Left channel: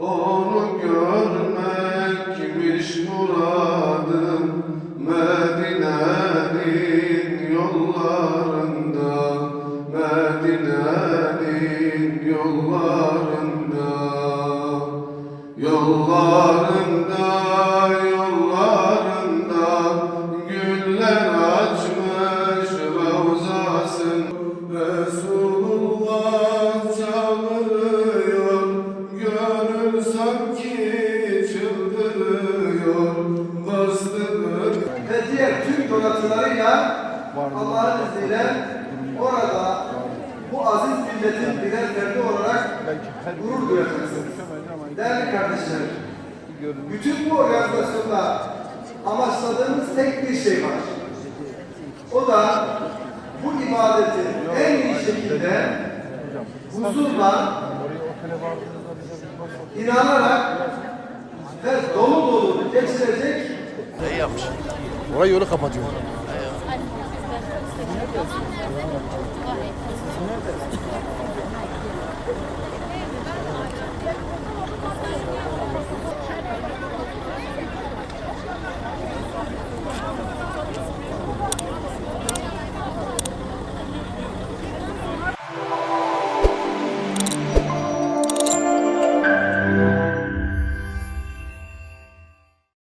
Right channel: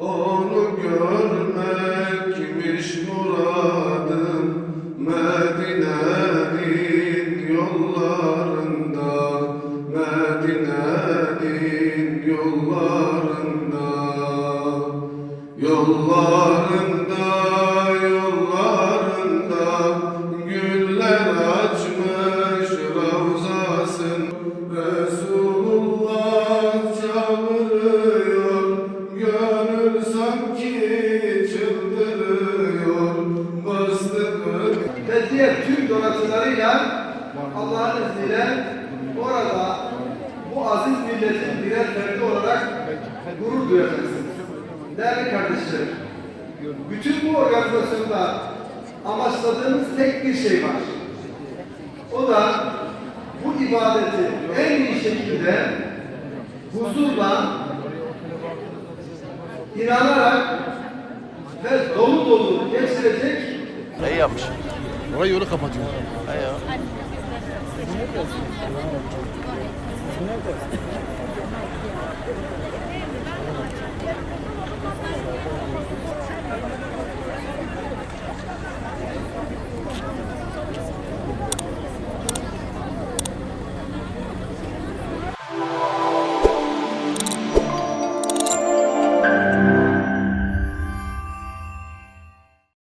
onu görmekmiş muradım. Medine'nin yollarında, Medine'nin yollarında, yollarında, yollarında güller açmış ravzasın. Resulullah çağırıyor, gönül sanki çıldırıyor. Bastıkları ve diğer tüm donatılarıyla Allah'ın izniyle orada bu aziz milletin birer ferdi olarak gurur duyacaksınız. Değerli kardeşlerim, bütün bu organizasyonda amaçladığımız tek bir şey var. O da bu ibadeti en iyi şekilde huzurla, inanarak ve dolu dolu geçirecek. İyi yapmış. Orayı yolu kapatıyor. İyi ya. Nerede?